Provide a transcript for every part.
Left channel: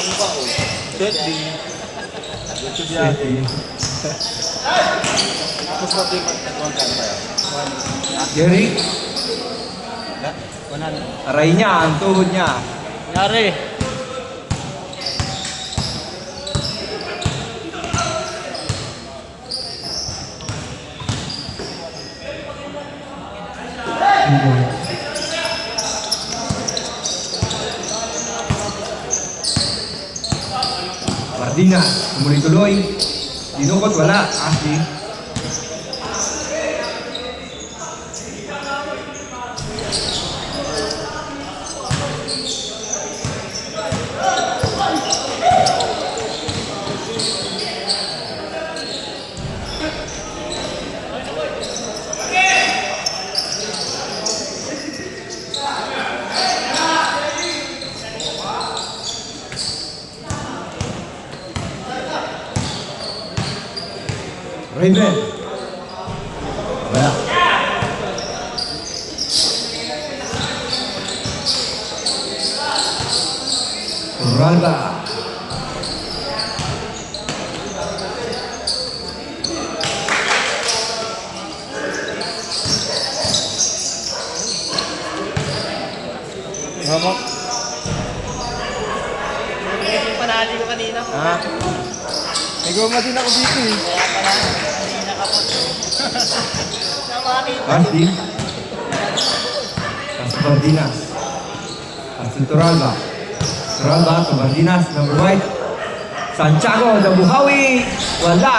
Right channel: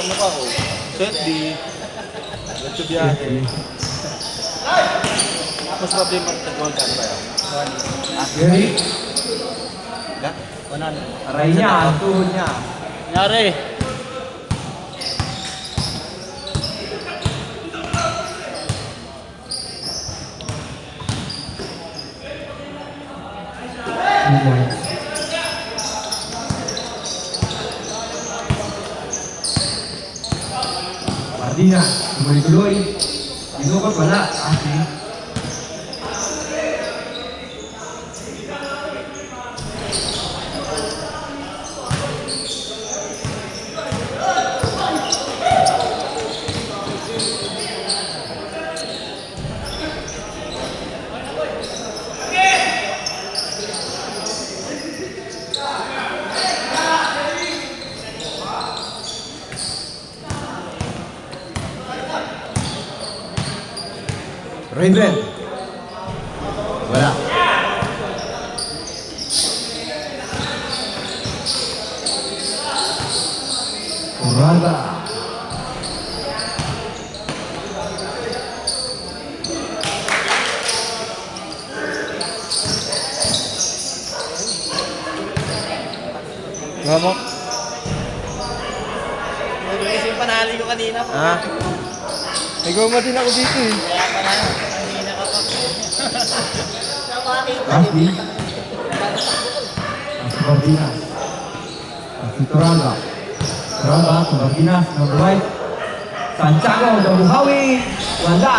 Ano ba ko? Set B. Ito biyahe. Tapos ba din ito Jerry. Wanan. Aray niya, ang tuhod niya. Nangyari. Martina, tuloy-tuloy. Dinukot, wala. Ashley. Raven. Wala. Rada. Ngamo. Yung panali ko kanina po. Ha? May goma din ako dito eh. Nakakita Ashley. Cabardinas. Ashley Toralba. Toralba, Cabardinas, number right. Santiago, Buhawi. Wala.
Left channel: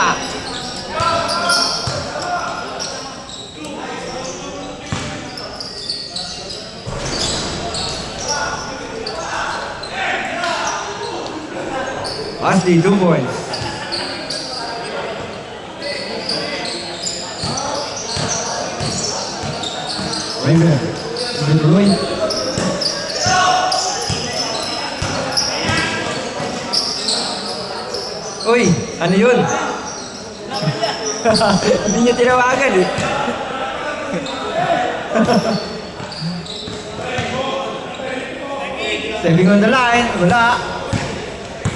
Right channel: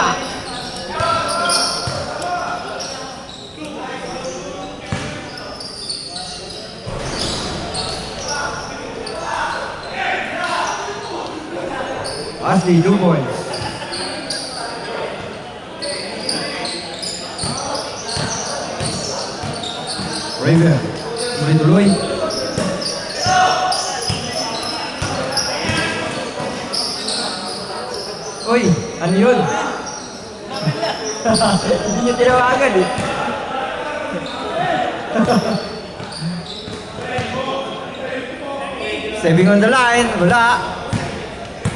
Ashley, 2 points. Raven, tuloy-tuloy. Uy, ano yun? Hindi niya tinawagan eh. Saving on the line, wala.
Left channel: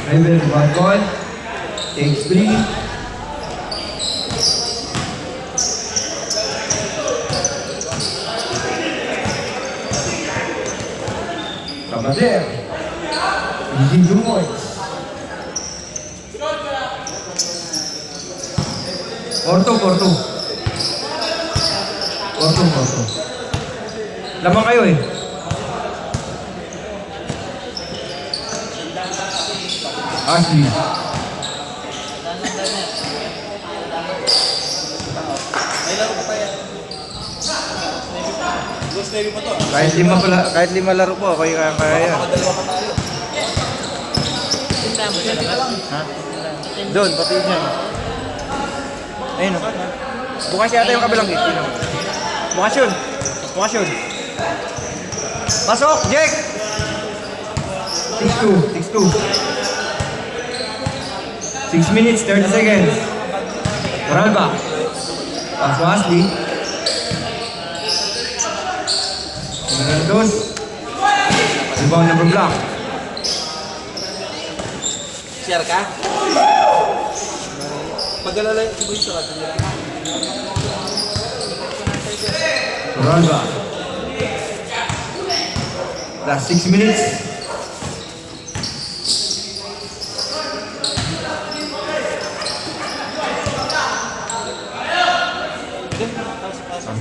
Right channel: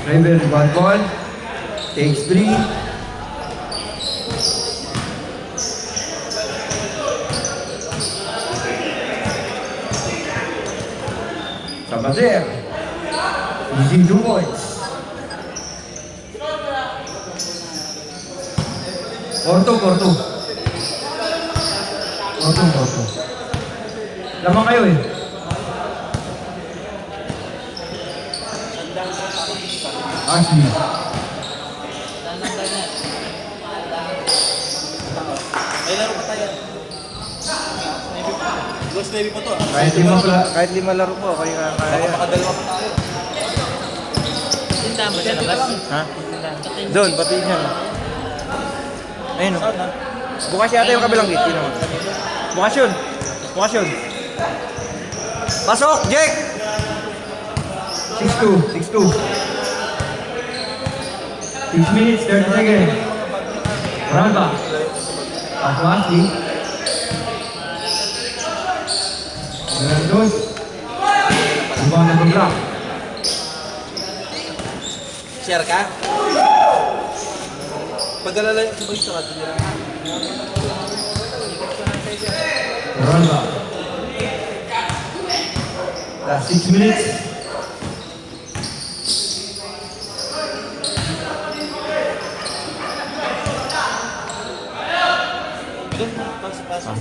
Raven, rebound ball. Takes 3. Kabader. Easy 2 points. Porto. Lamang kayo eh. Ashley. Kahit lima laro po, kayo kaya. Ha? Doon, pati mo. Ayun o. Bukas yata yung kabilang gate. Bukas yun. Pasok, Jake! 6-2. 6 minutes, 30 seconds. Ralba. Pass to Ashley. Dos. Rebound ng block. Share ka? Pag-alala yung sabay sa atin nila. Ralba. Last 6 minutes.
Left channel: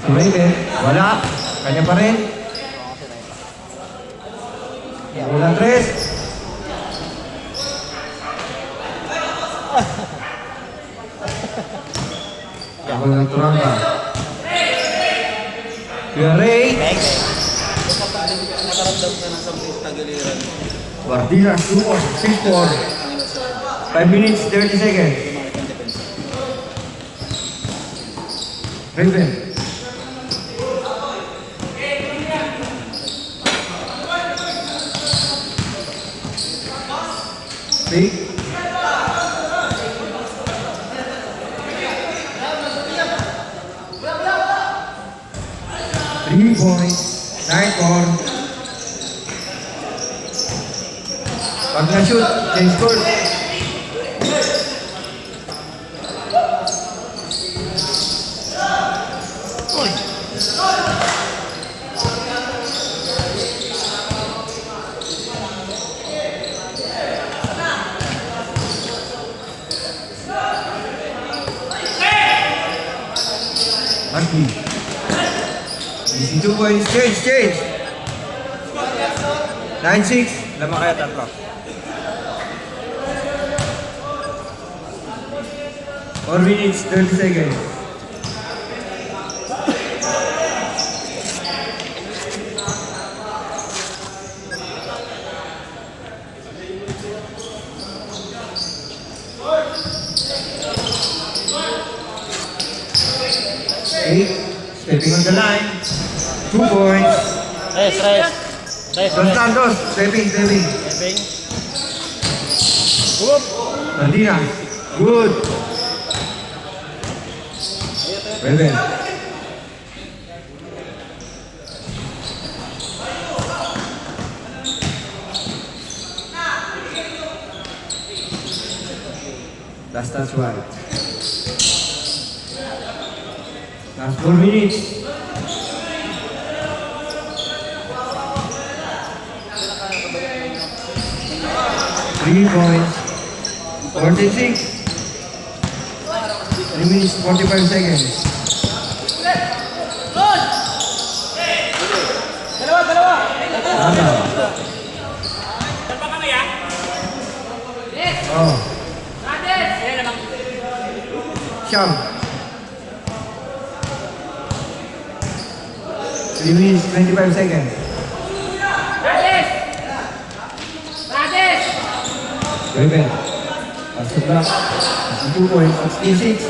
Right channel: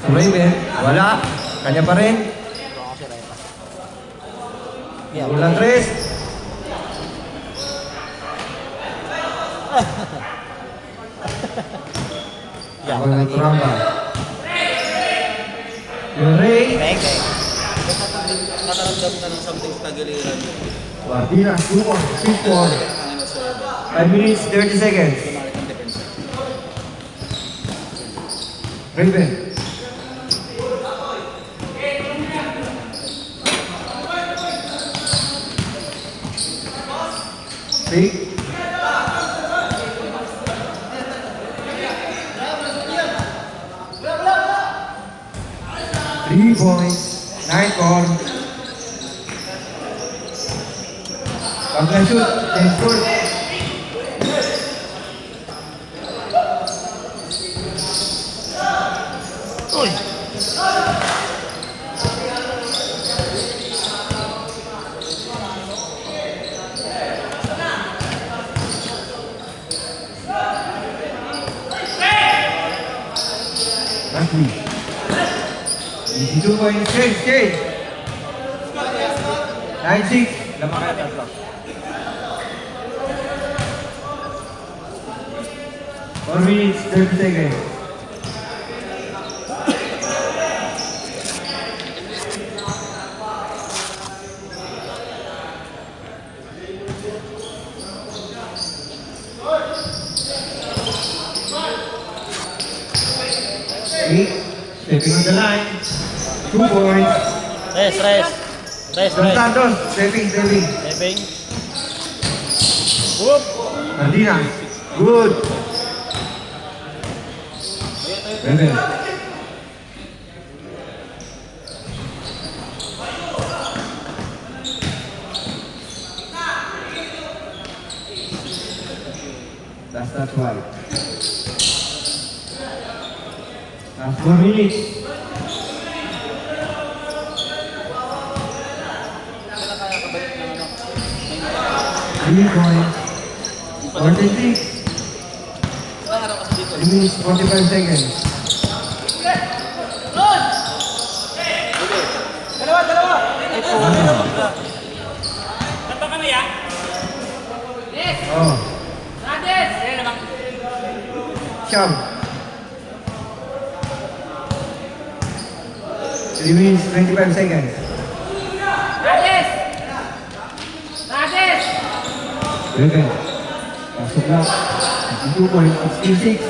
Tuloy din. Wala. Kanya pa rin. Walang Chris. Ako na nagturang pa. Ray. Bang. Nakaramdam ka ng something sa giliran. Guardina, 6-4. 5 minutes, 30 seconds. Raven. Fake. Point. 9-4. Pagka-shoot, change goal. Lagi. 2 points, change. 9-6. Lamang kaya tatlo. Or minutes, 30 seconds. Eight, stepping on the line. 2 points. Rest. Don Santos, stepping. Eving. Martina, good. Well. That's right. Last 4 minutes. Three points. 46. 3 minutes, 45 seconds. Oh. Sham. 3 minutes, 25 seconds. Rebel. Masuk block. 2 points, 66.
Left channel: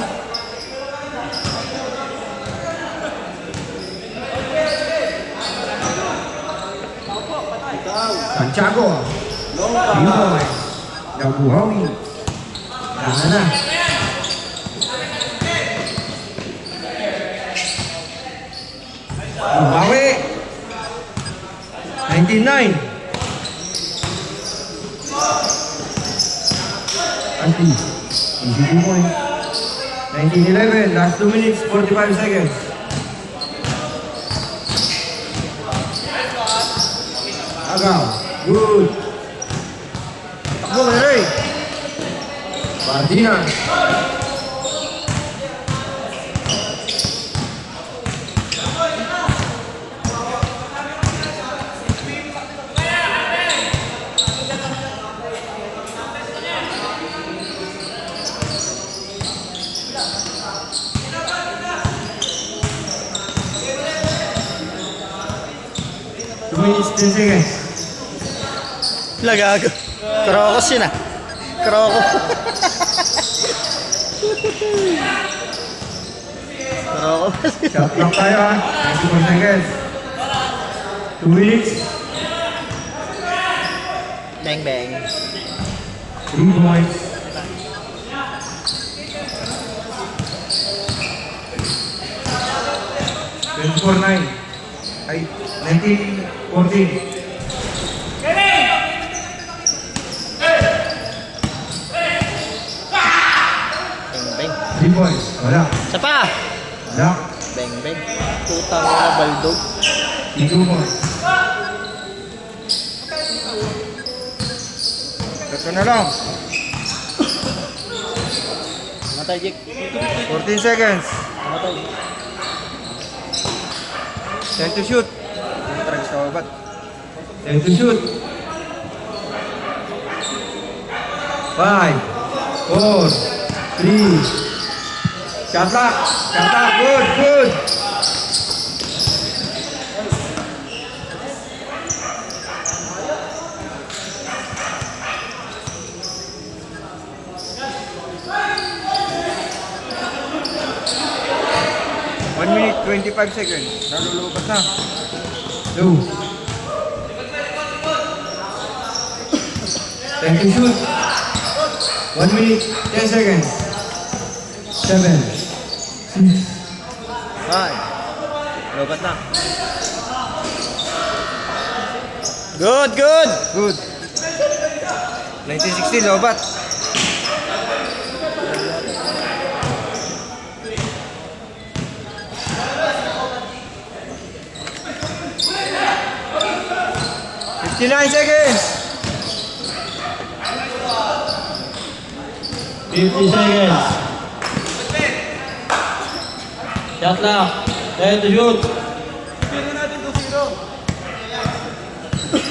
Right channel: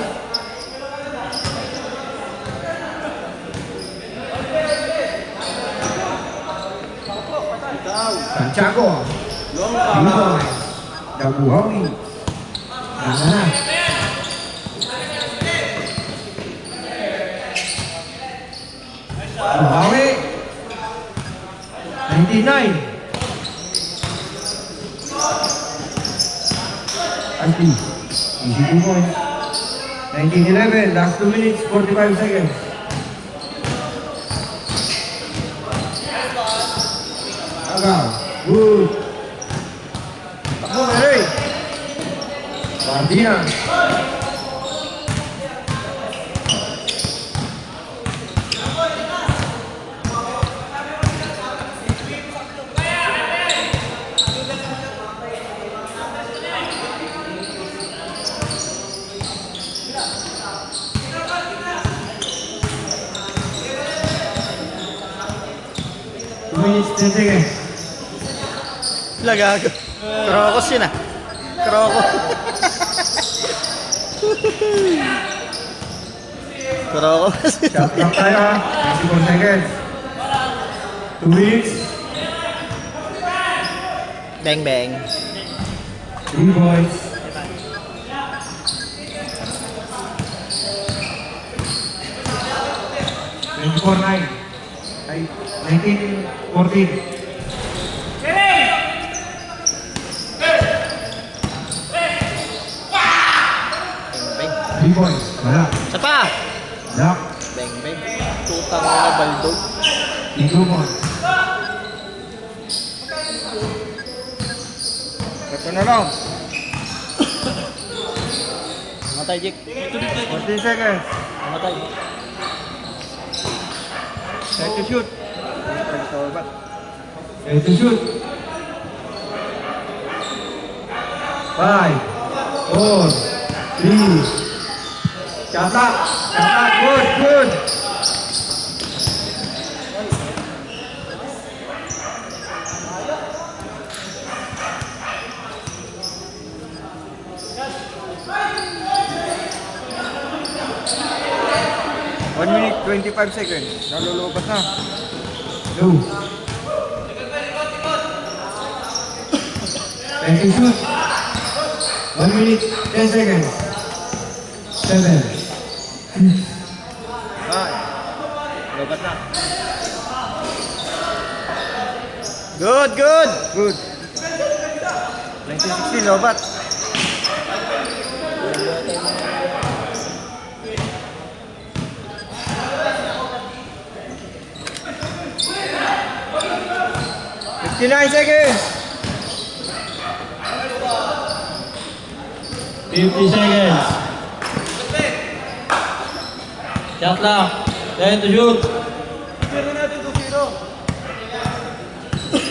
Santiago. 3 points. Dabuhawi. Mana? Buhawi. 99. Anti. 2 points. 19-11. Last 2 minutes, 45 seconds. Agam. Good. Go, Mary. Martina. Minutes, 10 seconds. Lagago. Krokos yun ah. Krokos. Shot clock tayo ha. 94 seconds. 2 minutes. Bang bang. 3 points. Score 9. Ay, 19-14. Bang bang. 3 points. Wala. Isa pa. Wala. Bang bang. Putang na baldog. 2 points. Tatlo na lang. Matay, Jake. 14 seconds. Matay. Set to shoot. Try sa babat. And to shoot. 5, 4, 3. Shot clock. Good. 1 minute, 25 seconds. Nalulubat na. 2. And to shoot. 1 minute, 10 seconds. 7, 6. Ay. Lubat na. Good. Good. 19-16, lobat. $59 seconds. 50 seconds. Shot clock. 10 to shoot.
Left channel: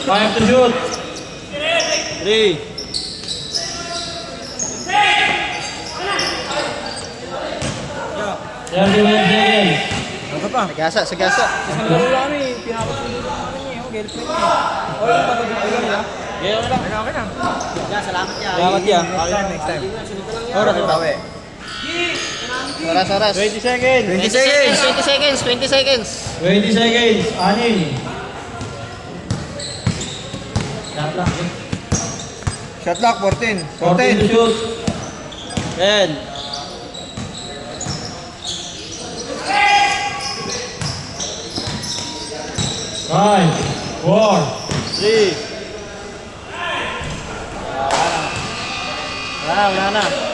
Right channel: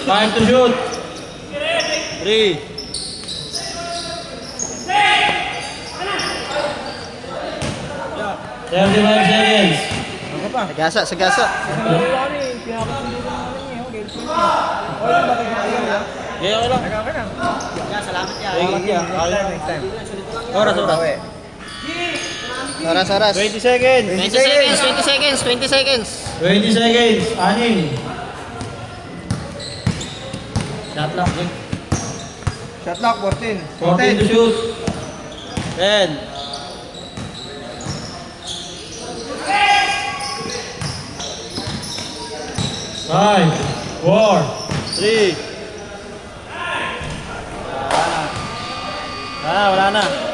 5 to shoot. 3. 35 seconds. Ano pa? Sagasa, sagasa. Ganyan ka lang. Okay na. Yeah, salamat ya. Salamat yan. Next time. Oras ang bawi. Oras, oras. 20 seconds. 20 seconds, 20 seconds, 20 seconds. 20 seconds. Anin. Shot clock. Shot clock, 14. 14 to shoot. 10. 5, 4, 3. Wala na, wala na.